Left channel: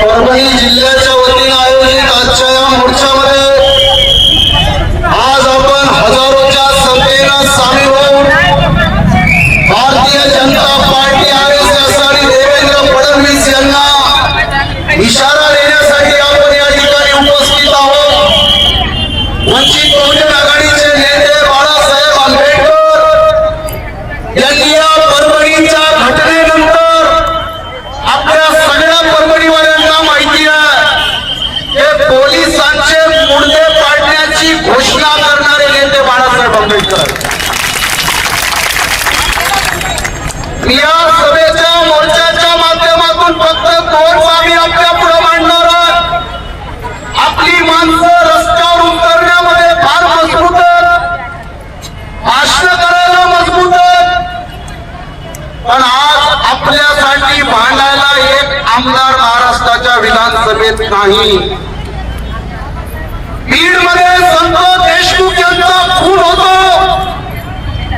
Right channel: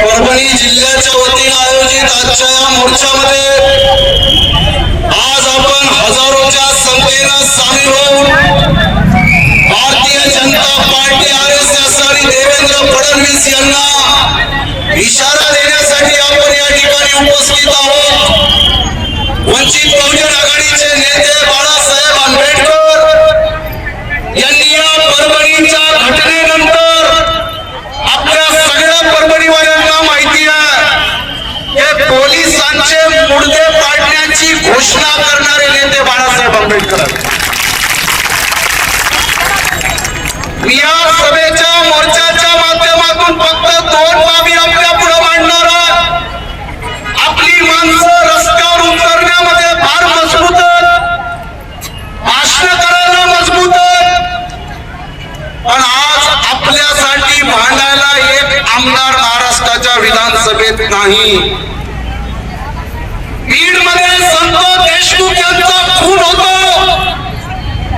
परभणी जिल्ह्याच्या बाबासाहेब आंबेडकर. या सभेच्या मोर्चाच्या माध्यमातून फक्त दोन बाबी आपल्या पुढे मांडणार आहे. आपली माणसं रस्त्यावर उतरण्यामध्ये फार मजबूत भाषण करायला मजबूत पण आज आपल्यासाठी भांडायला एक आमदार महाराष्ट्राच्या विधानसभेत नाही. बीडमध्ये संत देशमुख यांचा खून होतो.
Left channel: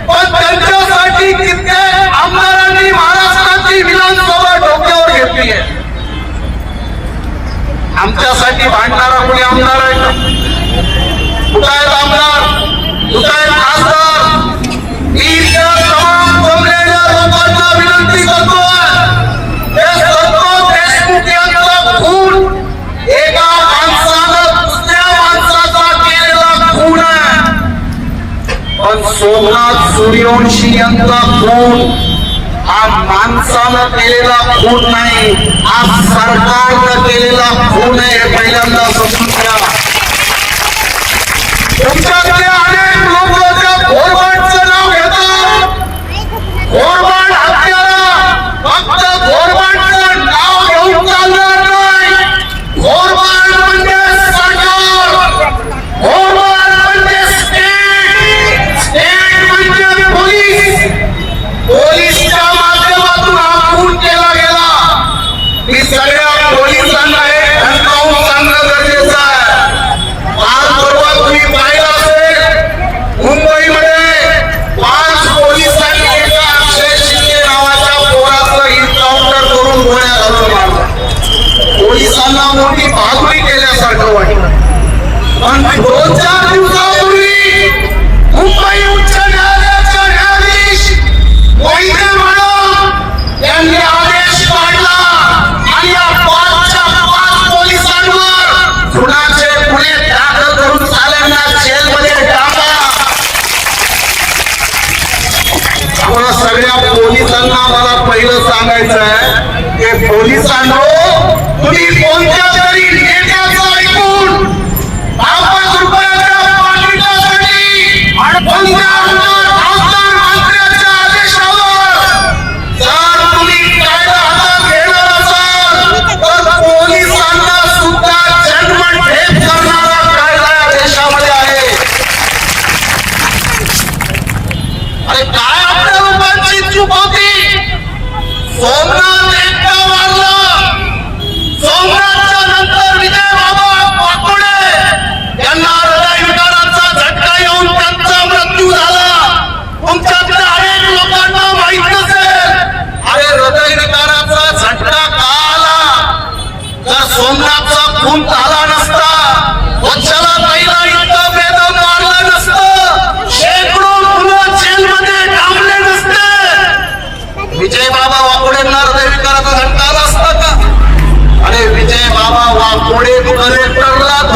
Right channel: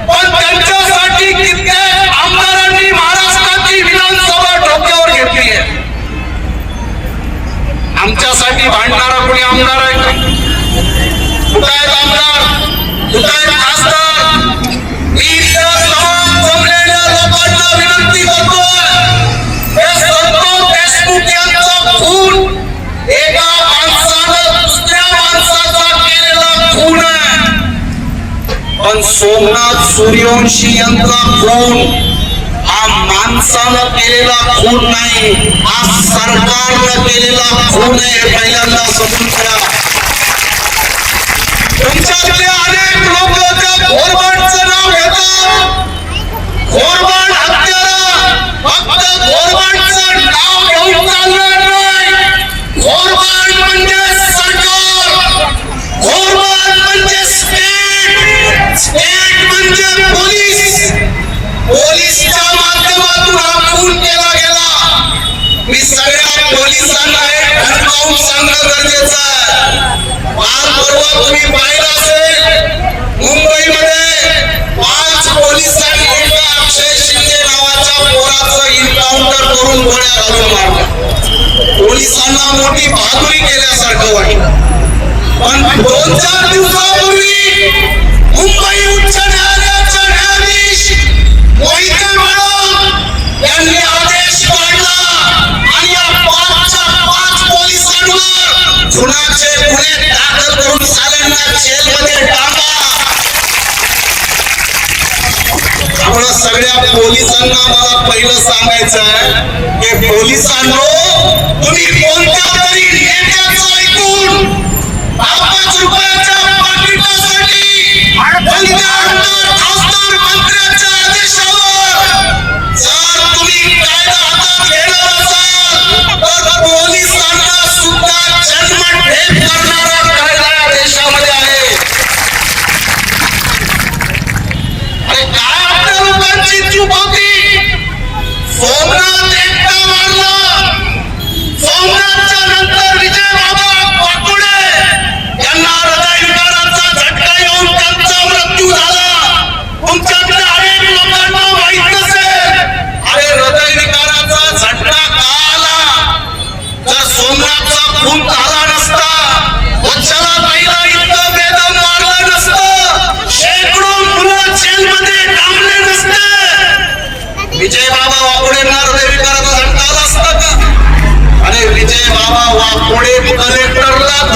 पण त्यांच्यासाठी कित्येक आमदारांनी महाराष्ट्राची विधानसभा डोक्यावर घेतली आहे. आमच्यासाठी भांडणारा कोणी आमदार आहे? का कुठं आहेत आमदार? कुठं आहेत खासदार? सूर्यवंशी यांचा खून. हा माणसानं केलेला खून नाही हा सरकारनं केलेला खून आहे पहिल्यांदा समजून घ्या. तुमच्यातले पहिलं सांगायचं आहे की पोलिसांनो तुम्ही कोणत्या तरी नेत्याचं ऐकून पाच रुपयाच्या पाकिटासाठी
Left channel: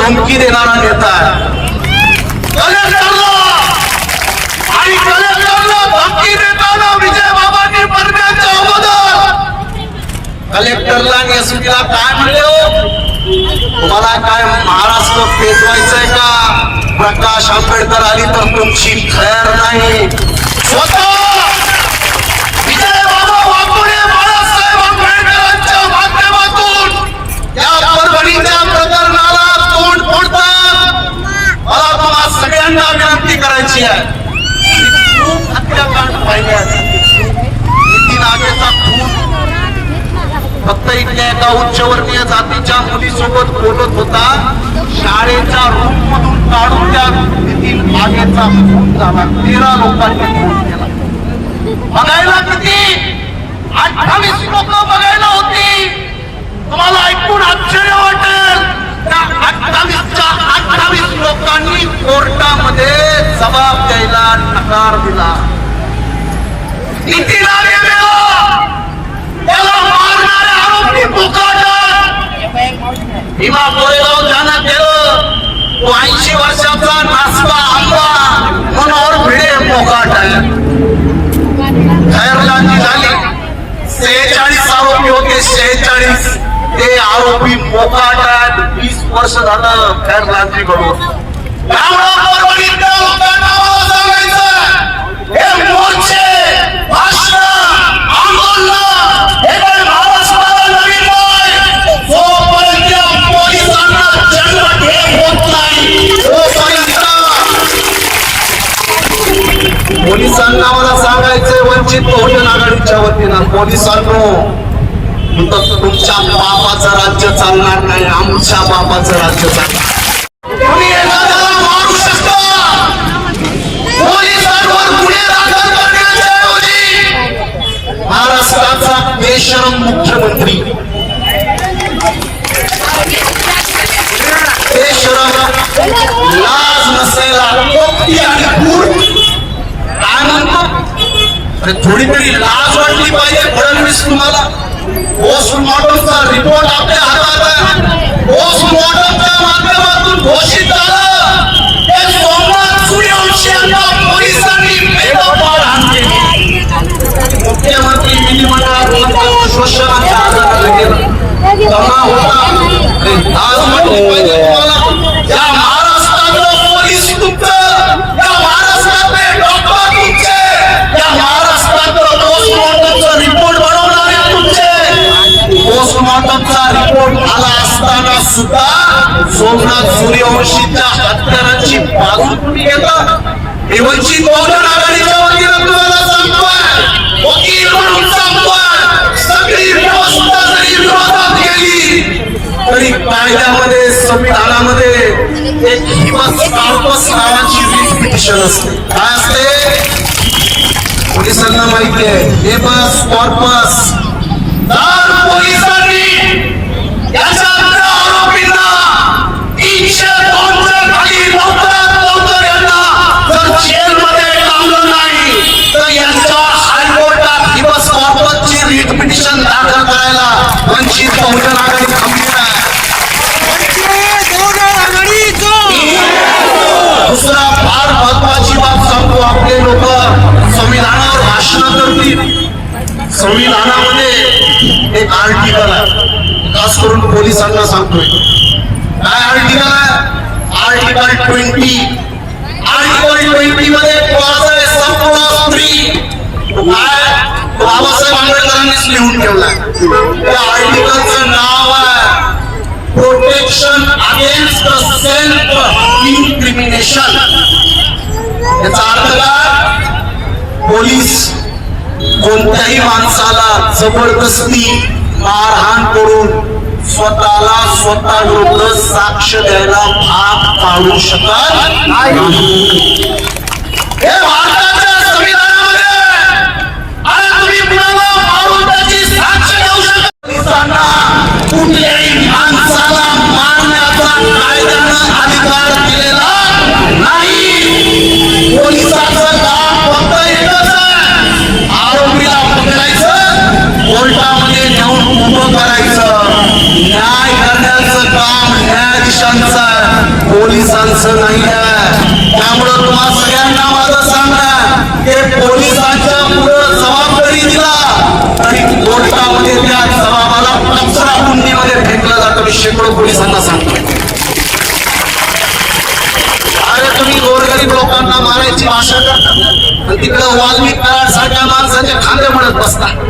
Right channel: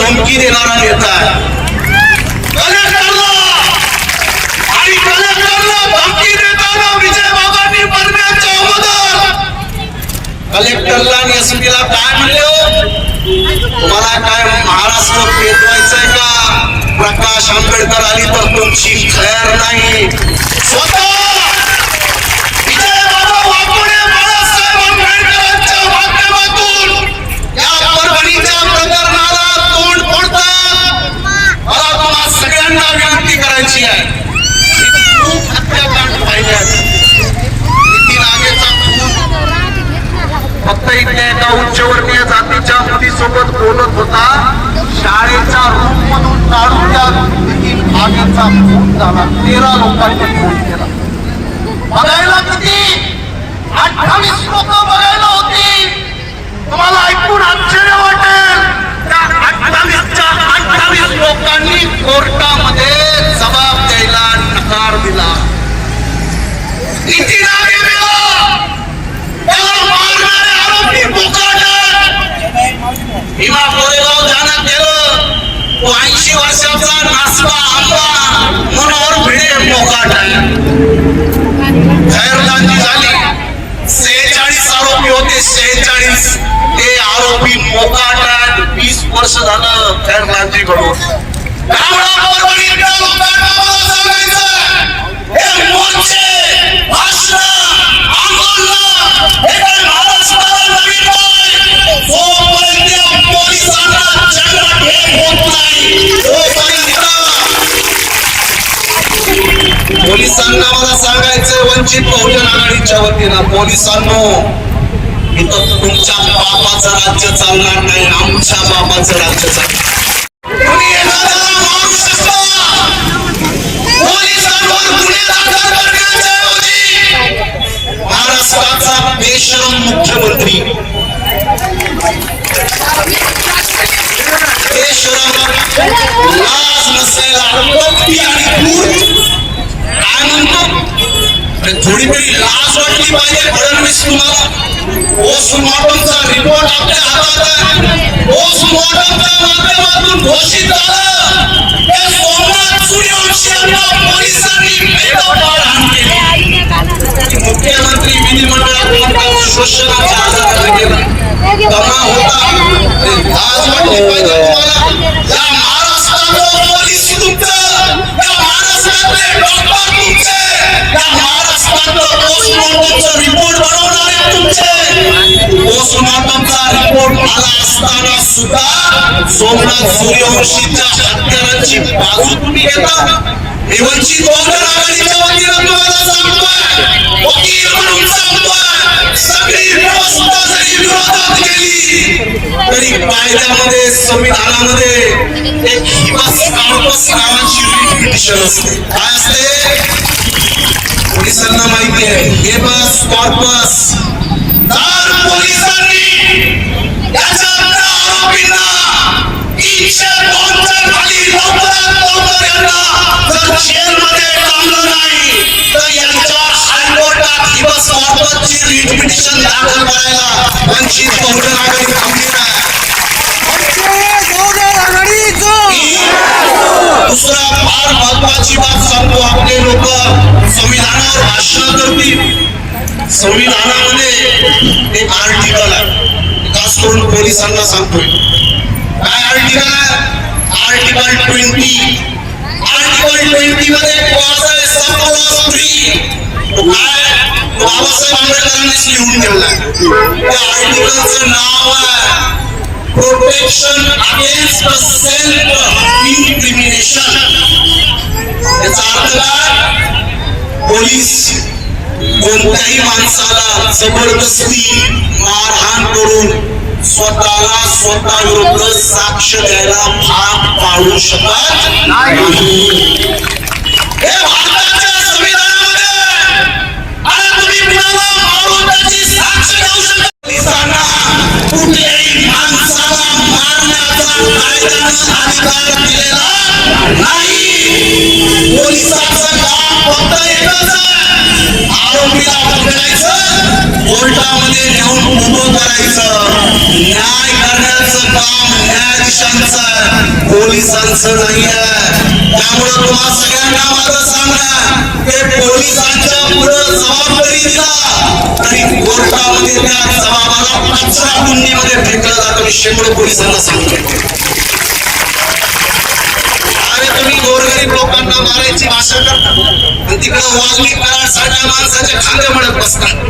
धमकी देणारा नेता आहे. कलेक्टरला! आणि कलेक्टरला धमकी देताना विजय बाबांनी मरण्याच्या अगोदर! कलेक्टरला काय म्हणले हो? तुम्हाला काय महाराष्ट्र पेटवायचंय का? प्रकाश आंबेडकर आली तर तुमची खैर नाही. स्वतः पुन्हा विनंती करायची आहे. खूप हत्याकांड पाहिले नितीन आगेचा खून. फक्त इथल्या एका उच्चवर्णीय जातीच्या मुलीसोबत बोलत होता. शाळेचा रूम मधून काढून त्या नितीन आगेचा खून झाला. तेरा लोकांनी खून केला. बघायला किती? अठ्ठावीस लोक बघायला होती. तुम्हाला ऐकून कोर्टामध्ये जबाब द्यायला नकार दिला. किती नाव त्याला मारणारे आरोपी मोकाट भीमा कोरेगाव ध्यानात गेलं. तो ऐंशी वर्षाचा नासका आंबा मनोहर भिडे मोकाट आहे. खैरलांची झाली. सेहेचाळीस आरोपी होते. सेहेचाळीस ते आरोपी मोकाट आहेत. वर्ष झालं खैरलांची कडून त्यामुळं मला सांगायचं, पोलिसांना पोलिसांना मला सांगायचंय वंचित बहुजन आघाडीच्या वतीनं पोलिसांनो इथं तुमच्या बापाचं राज्य चालणार नाही. आमच्या बापाचं राज्य चालणार दमा होता या पोलीस तुमचं या महाराष्ट्रातले डॉक्टर तुमचे या महाराष्ट्रातलं रिपोर्ट बनवणारे तुमचे पोस्टमॉर्टमचा रिपोर्ट आला असताना सुद्धा सोमनाथ सूर्यवंशीच्या हत्यारांची बाजू तुम्ही घेता. हे वंचित बहुजन आघाडीच्या कायद्यामध्ये संविधानामध्ये एक हिबस कॉर्पस नावाची पिटिशन असते. काय असते? पोलिसांना माहिती आहे. हे बस कॉर्पस करतील संविधानामध्ये एक आर्टिकल आहे खास करून पोलिसांना सांगतोय काय आर्टिकल आहे आर्टिकल ट्वेंटी आर्टिकल ट्वेंटी मध्ये एक वाच आहे संपूर्ण स्त्री तो काय तो बाबासाहेब आंबेडकरांनीच लिहून ठेवलाय त्या आर्टिकलचं नाव आहे प्रोटेक्शन अगेन्स्ट सेल्फ इन्क्रिमिनेशन याचा अर्थ काय पोलीस कोणत्याही माणसाला जबरदस्ती मारहाण करून स्वतःला स्वतः विरुद्ध साक्ष द्यायला भाग पाडू शकत नाही. हे भारताच्या संविधानामध्ये आणि तुम्ही कुणाला मारून त्याची साक्ष देऊ शकत पोलिसांना कुठल्याही माणसाला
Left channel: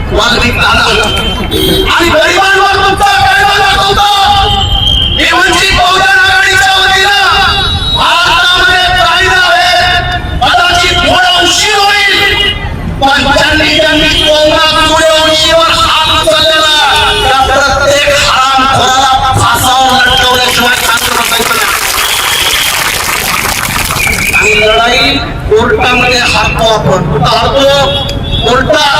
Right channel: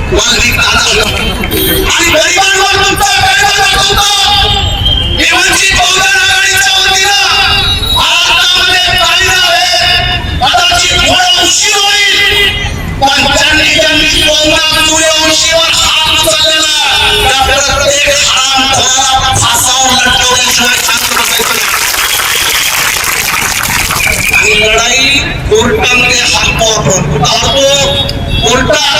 आणि गरिबांवर तुमचा कायदा दाखवता हे वंचित बहुजन आघाडीच्या वतीनं भारतामध्ये कायदा आहे कदाचित थोडा उशीर होईल पण ज्यांनी ज्यांनी कोरोना सूर्यवंशीवर हात उचललेला त्या प्रत्येक हरामखोराला फासावर लटकवल्याशिवाय शांत बसायचं नाही. आणि लढाई कोर्टामध्ये हारतो आपण कुठं हारतो कोर्टात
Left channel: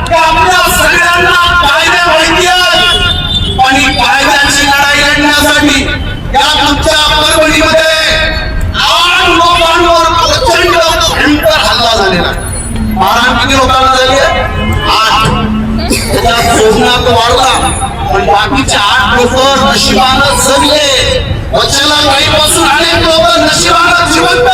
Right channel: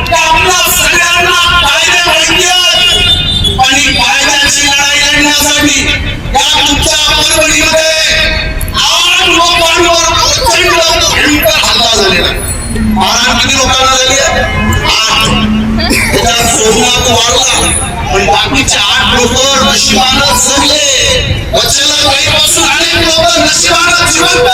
की आपल्या सगळ्यांना कायदे आणि लोकांना झाली आहे? आठ सोमनाथ वाढला पण बाकीचे आठ लोक नशिबानं जगले. वचला गाईपासून अनेक लोक नशिबानं जिवंत.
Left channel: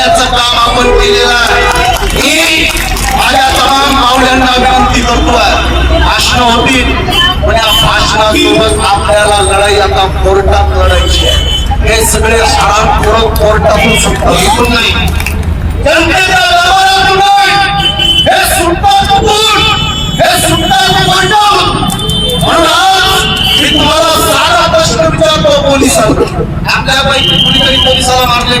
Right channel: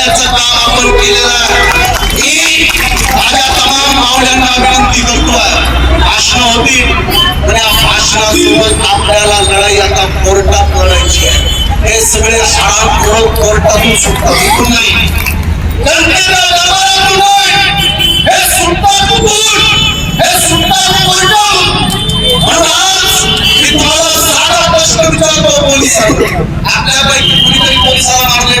करण्याचं काम आपण केलेलं आहे. मी माझ्या तमाम मावल्यांना विनंती करतो भाषण होती पण या भाषणासोबत आपल्याला लढाई आता कोर्टात लढायची आहे. हे सगळे शाळा पुढं कोर्टातून सुटता सुटून नाही जनतेच्या दरबारातून नाही हे हे कोर्टातून म्हणून आज मी तुम्हाला साधा प्रश्न विचारतो पोलिसांना. आपल्यापैकी कुणीतरी पोलिसाला मारले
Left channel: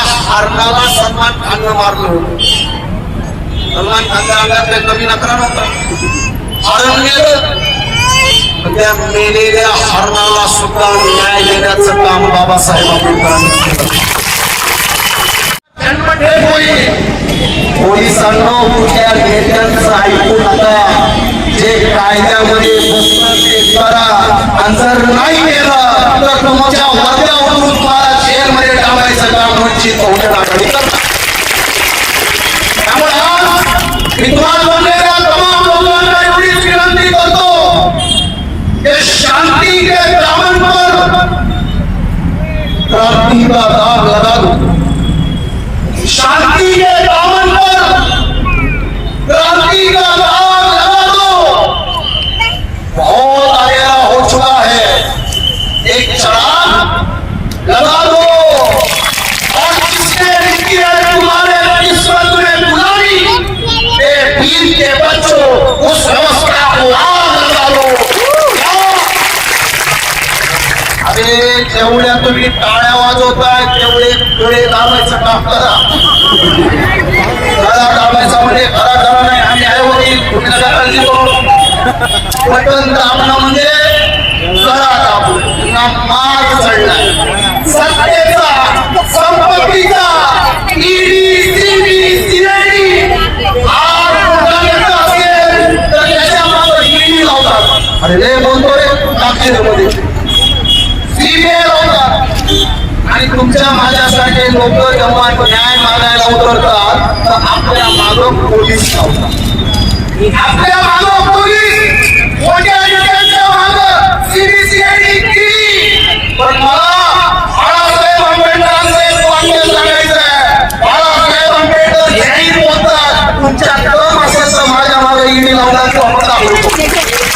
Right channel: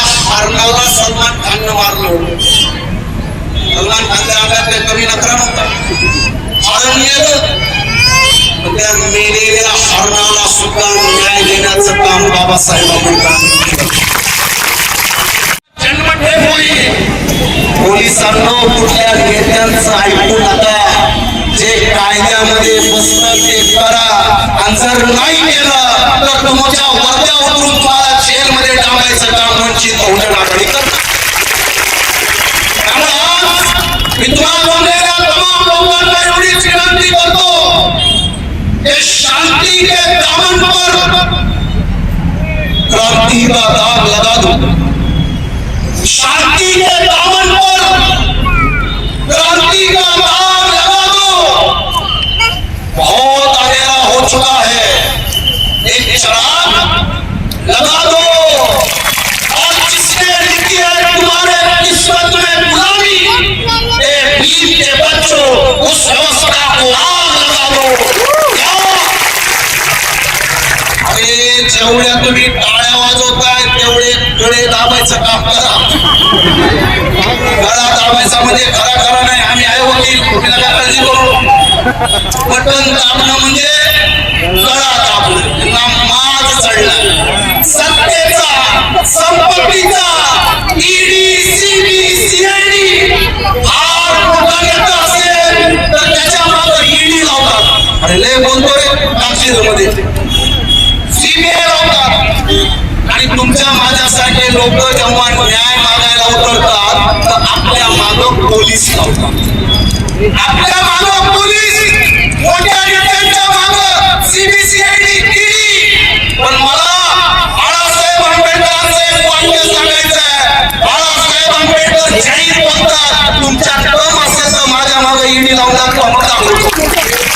त्या मेलेल्या हरणाला सुद्धा न्याय देण्याचं काम पोलिसांना कुठल्या नेत्यांचं ऐकू नका जे कायद्यामध्ये बसतात ते करा. आणि जर नाही लगा दो और जिसने लिखी है तुम्हारे किस्मत में बुराई के बच्चों उस को आग लगा दो अरे जेवढ्या तुम्ही टाळ्या वाजवताय तेवढे गळे दाबायचं काम करा गळा दाबायचा म्हणजे खरा खरा नाही आम्ही आहे वकील तुम्ही नका काळजी करू बटन दाबणं म्हणजे अरे लय बोलतोयमध्ये. फिमेल लावतात आणि तुमच्या माझ्यासारखे लोक जेव्हा न्याय मागायला उतरतात तर आपल्या मागं पोलीस लावतात. आपल्या मागं पोलीस! मोठ्या नेत्यांच्या माग सीबीसीआयडी केली. पण मला बाळासाहेब आंबेडकरांचं एक वाक्य सांगायचं आहे. बाळासाहेब आंबेडकर जाहीर बोलतात. तुमच्या कम असेल तर माझ्या मागं ईडी लावणार तो आम्हाला